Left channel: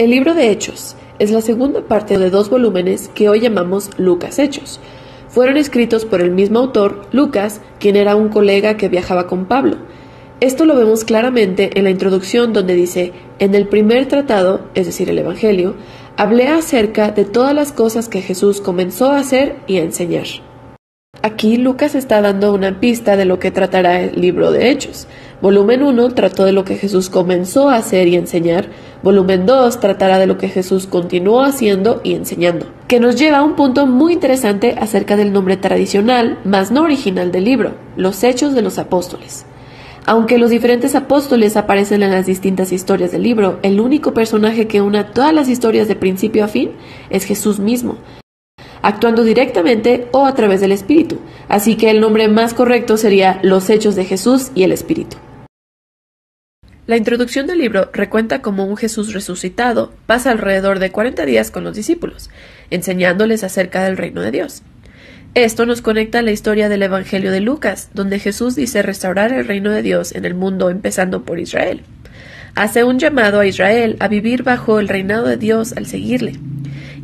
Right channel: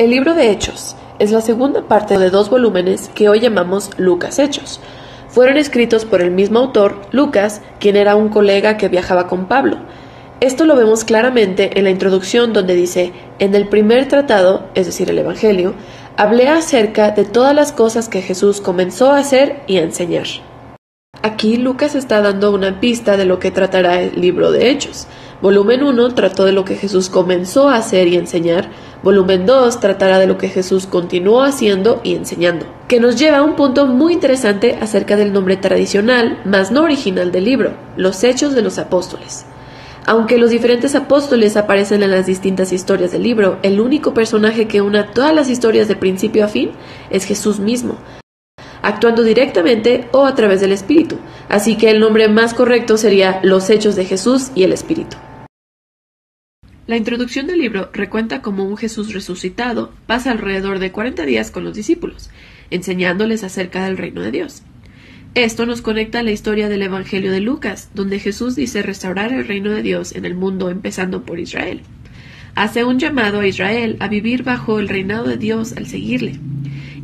El libro de Hechos es la segunda parte de 2 volúmenes que hoy llamamos Lucas Hechos. Fueron escritos por el mismo autor, Lucas, quien era un colega que viajaba con Pablo. Esto lo vemos claramente en la introducción donde dice: en el primer tratado, es decir, el Evangelio, hablé acerca de todas las cosas que Jesús comenzó a hacer y a enseñar. Aquí Lucas está dando una pista de lo que tratará el libro de Hechos. Volumen 1 trató de lo que Jesús comenzó a hacer y enseñar. Volumen 2 tratará de lo que Jesús continuó haciendo y enseñando, que nos lleva a un punto muy interesante acerca del nombre tradicional, más no original del libro, los Hechos de los Apóstoles. Aunque los diferentes apóstoles aparecen en las distintas historias del libro, el único personaje que une todas las historias de principio a fin es Jesús mismo, actuando directamente o a través del Espíritu, así que el nombre más correcto sería Los Hechos de Jesús y el Espíritu. La introducción del libro recuenta cómo un Jesús resucitado pasa alrededor de 40 días con los discípulos, enseñándoles acerca del reino de Dios. Esto nos conecta a la historia del Evangelio de Lucas, donde Jesús dice restaurar el reino de Dios en el mundo empezando por Israel. Hace un llamado a Israel a vivir bajo el reinado de Dios al seguirle,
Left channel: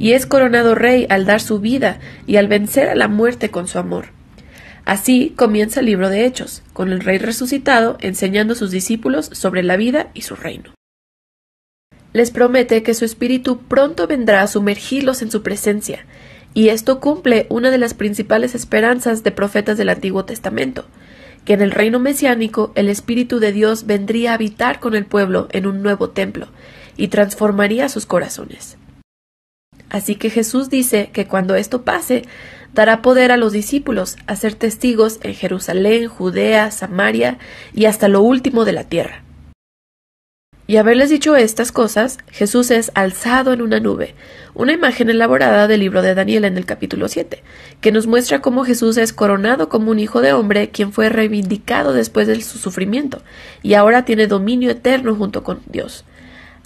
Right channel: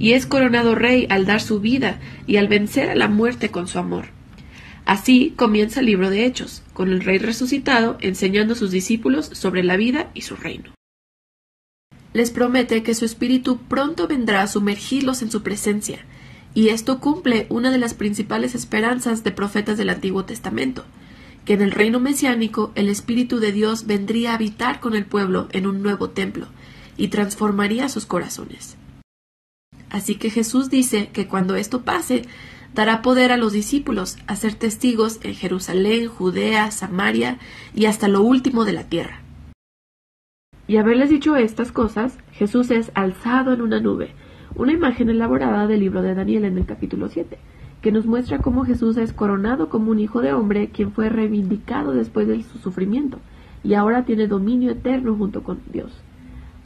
y es coronado rey al dar su vida y al vencer a la muerte con su amor. Así comienza el libro de Hechos, con el rey resucitado enseñando a sus discípulos sobre la vida y su reino. Les promete que su espíritu pronto vendrá a sumergirlos en su presencia, y esto cumple una de las principales esperanzas de profetas del Antiguo Testamento, que en el reino mesiánico el Espíritu de Dios vendría a habitar con el pueblo en un nuevo templo, y transformaría sus corazones. Así que Jesús dice que cuando esto pase, dará poder a los discípulos a ser testigos en Jerusalén, Judea, Samaria y hasta lo último de la tierra. Y haberles dicho estas cosas, Jesús es alzado en una nube, una imagen elaborada del libro de Daniel en el capítulo 7, que nos muestra cómo Jesús es coronado como un hijo de hombre, quien fue reivindicado después de su sufrimiento, y ahora tiene dominio eterno junto con Dios.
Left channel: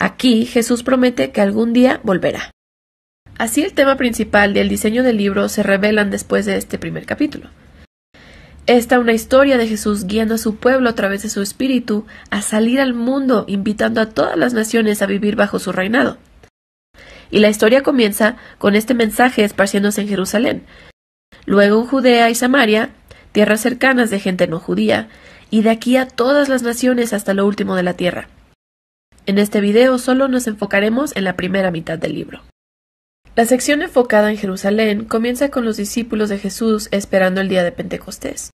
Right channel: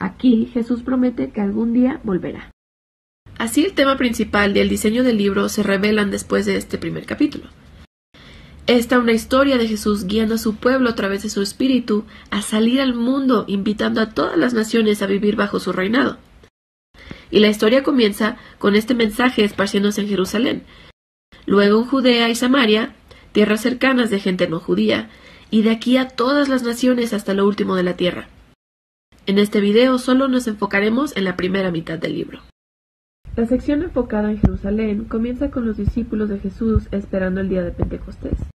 Aquí Jesús promete que algún día volverá. Así el tema principal y el diseño del libro se revelan después de este primer capítulo. Esta una historia de Jesús guiando a su pueblo a través de su espíritu a salir al mundo, invitando a todas las naciones a vivir bajo su reinado. Y la historia comienza con este mensaje esparciéndose en Jerusalén, luego en Judea y Samaria, tierras cercanas de gente no judía, y de aquí a todas las naciones hasta lo último de la tierra. En este video solo nos enfocaremos en la primera mitad del libro. La sección enfocada en Jerusalén comienza con los discípulos de Jesús esperando el día de Pentecostés,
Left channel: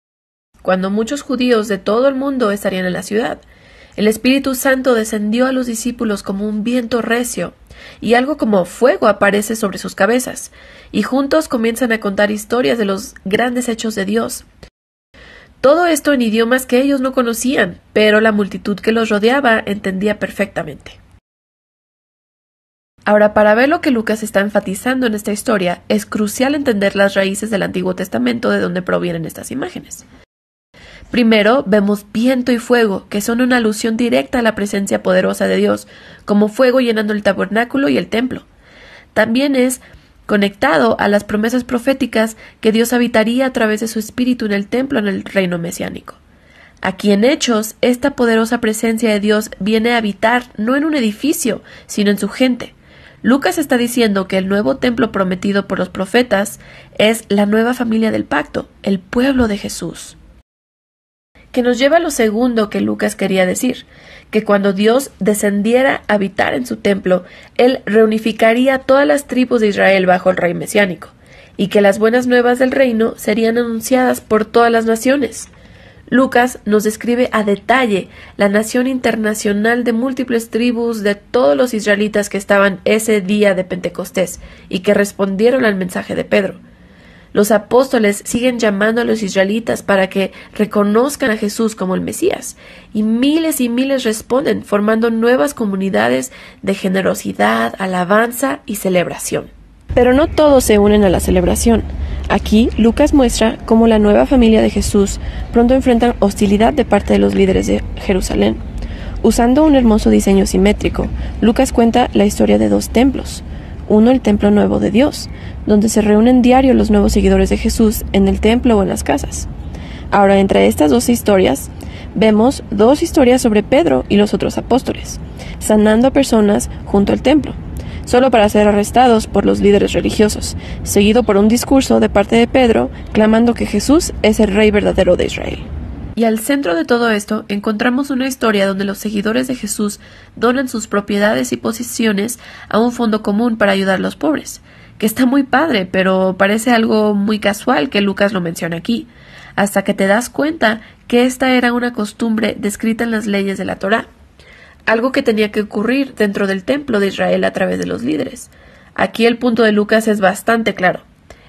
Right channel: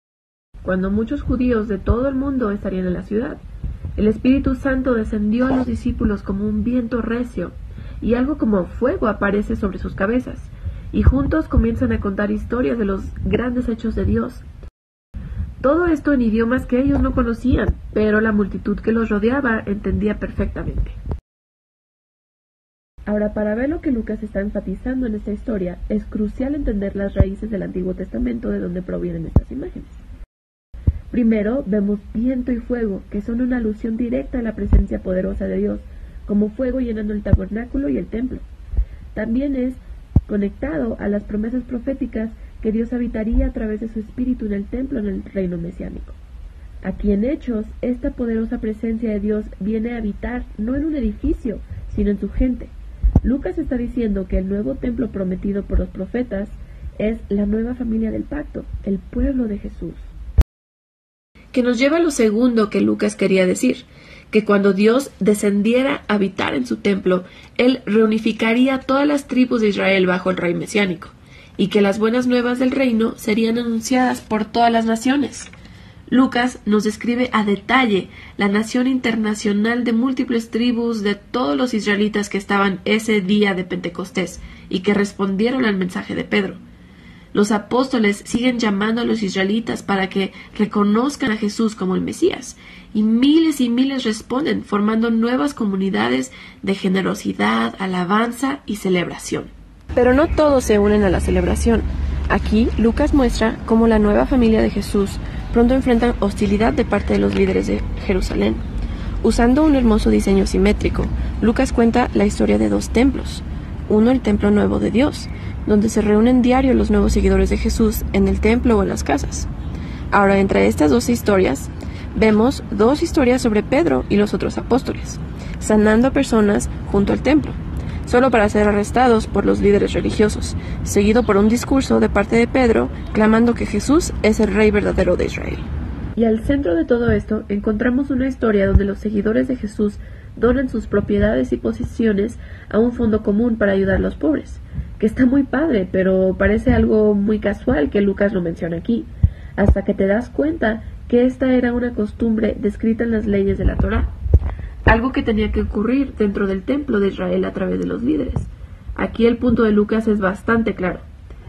cuando muchos judíos de todo el mundo estarían en la ciudad. El Espíritu Santo descendió a los discípulos como un viento recio, y algo como fuego aparece sobre sus cabezas, y juntos comienzan a contar historias de los grandes hechos de Dios. Todo esto en idiomas que ellos no conocían, pero la multitud que los rodeaba entendía perfectamente. Ahora, para ver lo que Lucas está enfatizando en esta historia, es crucial entender las raíces del Antiguo Testamento de donde provienen estas imágenes. Primero, vemos viento y fuego, que son una alusión directa a la presencia poderosa de Dios, como fuego llenando el tabernáculo y el templo. También es conectado a las promesas proféticas que Dios habitaría a través de su espíritu en el templo en el reino mesiánico. Aquí en Hechos, esta poderosa presencia de Dios viene a habitar no en un edificio, sino en su gente. Lucas está diciendo que el nuevo templo prometido por los profetas es la nueva familia del pacto, el pueblo de Jesús. Que nos lleva a lo segundo que Lucas quería decir, que cuando Dios descendiera a habitar en su templo, Él reunificaría todas las tribus de Israel bajo el rey mesiánico, y que las buenas nuevas del reino serían anunciadas por todas las naciones. Lucas nos describe a detalle la nación internacional de múltiples tribus de todos los israelitas que estaban ese día de Pentecostés y que respondieron al mensaje de Pedro. Los apóstoles siguen llamando a los israelitas para que reconozcan a Jesús como el Mesías, y miles responden, formando nuevas comunidades de generosidad, alabanza y celebración. Pero no todos se unen a la celebración. Aquí, Lucas muestra cómo la nueva familia de Jesús pronto enfrenta hostilidad de parte de los líderes de Jerusalén. Usando un hermoso diseño simétrico, Lucas cuenta la historia de 2 templos. Uno, el templo nuevo de Dios, donde se reúnen diario los nuevos seguidores de Jesús en el templo o en las casas. Ahora, entre estas 2 historias, vemos dos historias sobre Pedro y los otros apóstoles, sanando a personas junto al templo, solo para ser arrestados por los líderes religiosos, seguido por un discurso de parte de Pedro clamando que Jesús es el Rey verdadero de Israel. Y al centro de todo esto encontramos una historia donde los seguidores de Jesús donan sus propiedades y posesiones a un fondo común para ayudar a los pobres, que está muy padre, pero parece algo muy casual que Lucas lo menciona aquí, hasta que te das cuenta que esta era una costumbre descrita en las leyes de la Torá, algo que tenía que ocurrir dentro del templo de Israel a través de los líderes. Aquí el punto de Lucas es bastante claro.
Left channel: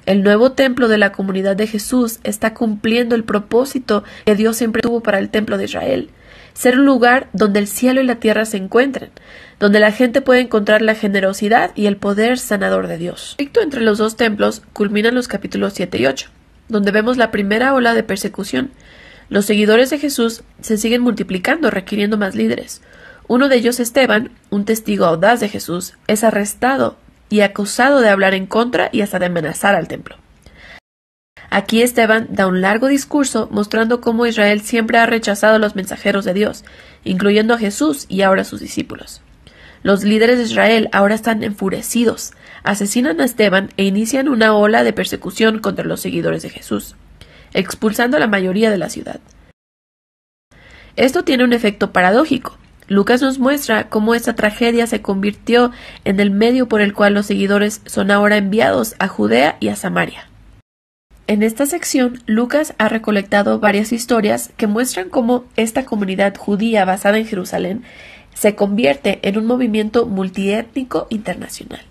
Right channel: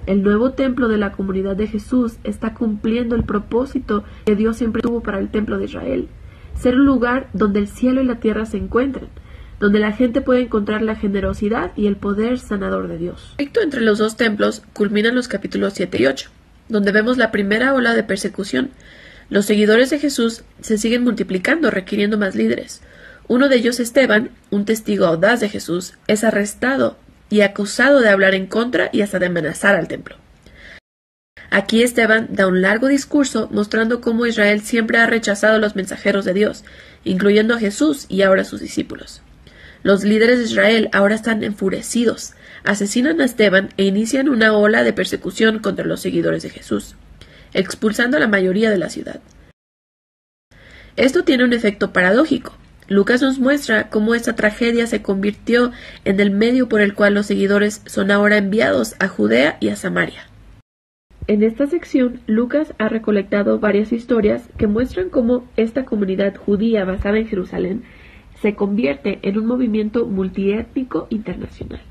El nuevo templo de la comunidad de Jesús está cumpliendo el propósito que Dios siempre tuvo para el templo de Israel, ser un lugar donde el cielo y la tierra se encuentren, donde la gente puede encontrar la generosidad y el poder sanador de Dios. El conflicto entre los dos templos culmina en los capítulos 7 y 8, donde vemos la primera ola de persecución. Los seguidores de Jesús se siguen multiplicando, requiriendo más líderes. Uno de ellos, Esteban, un testigo audaz de Jesús, es arrestado y acusado de hablar en contra y hasta de amenazar al templo. Aquí Esteban da un largo discurso mostrando cómo Israel siempre ha rechazado a los mensajeros de Dios, incluyendo a Jesús y ahora a sus discípulos. Los líderes de Israel ahora están enfurecidos, asesinan a Esteban e inician una ola de persecución contra los seguidores de Jesús, expulsando a la mayoría de la ciudad. Esto tiene un efecto paradójico. Lucas nos muestra cómo esta tragedia se convirtió en el medio por el cual los seguidores son ahora enviados a Judea y a Samaria. En esta sección, Lucas ha recolectado varias historias que muestran cómo esta comunidad judía basada en Jerusalén se convierte en un movimiento multiétnico internacional.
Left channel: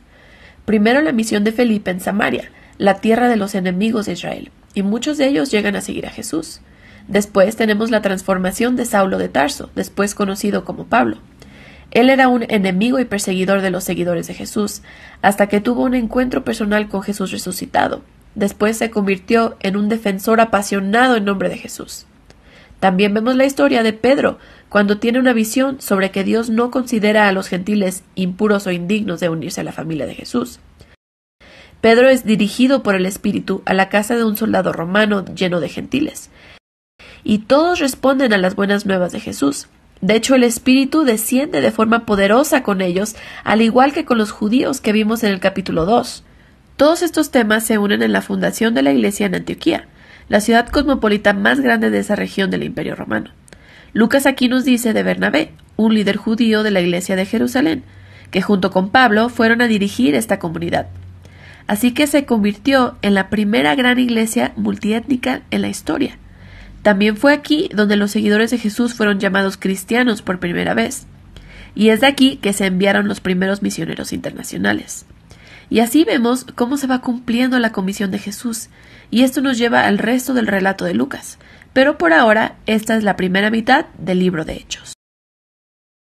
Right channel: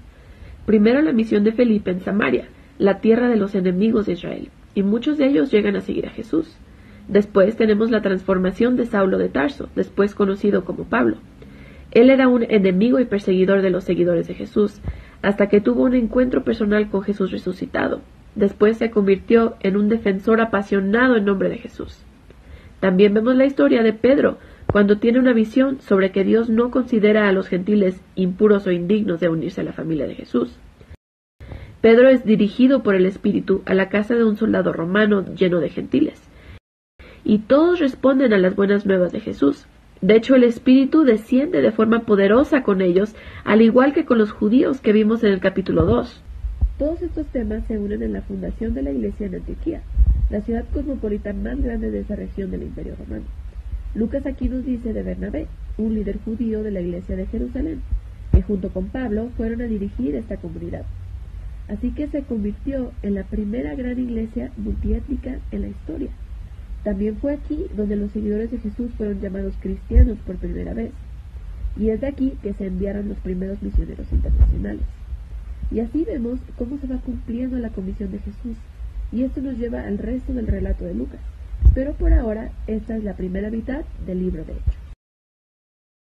Primero la misión de Felipe en Samaria, la tierra de los enemigos de Israel, y muchos de ellos llegan a seguir a Jesús. Después tenemos la transformación de Saulo de Tarso, después conocido como Pablo. Él era un enemigo y perseguidor de los seguidores de Jesús, hasta que tuvo un encuentro personal con Jesús resucitado. Después se convirtió en un defensor apasionado en nombre de Jesús. También vemos la historia de Pedro, cuando tiene una visión sobre que Dios no considera a los gentiles impuros o indignos de unirse a la familia de Jesús. Pedro es dirigido por el Espíritu a la casa de un soldado romano lleno de gentiles, y todos responden a las buenas nuevas de Jesús. De hecho, el Espíritu desciende de forma poderosa con ellos, al igual que con los judíos que vimos en el capítulo 2. Todos estos temas se unen en la fundación de la iglesia en Antioquía, la ciudad cosmopolita más grande de esa región del Imperio Romano. Lucas aquí nos dice de Bernabé, un líder judío de la iglesia de Jerusalén, que junto con Pablo fueron a dirigir esta comunidad. Así que se convirtió en la primera gran iglesia multiétnica en la historia. También fue aquí donde los seguidores de Jesús fueron llamados cristianos por primera vez. Y es de aquí que se enviaron los primeros misioneros internacionales. Y así vemos cómo se va cumpliendo la comisión de Jesús. Y esto nos lleva al resto del relato de Lucas. Pero por ahora, esta es la primera mitad del libro de Hechos.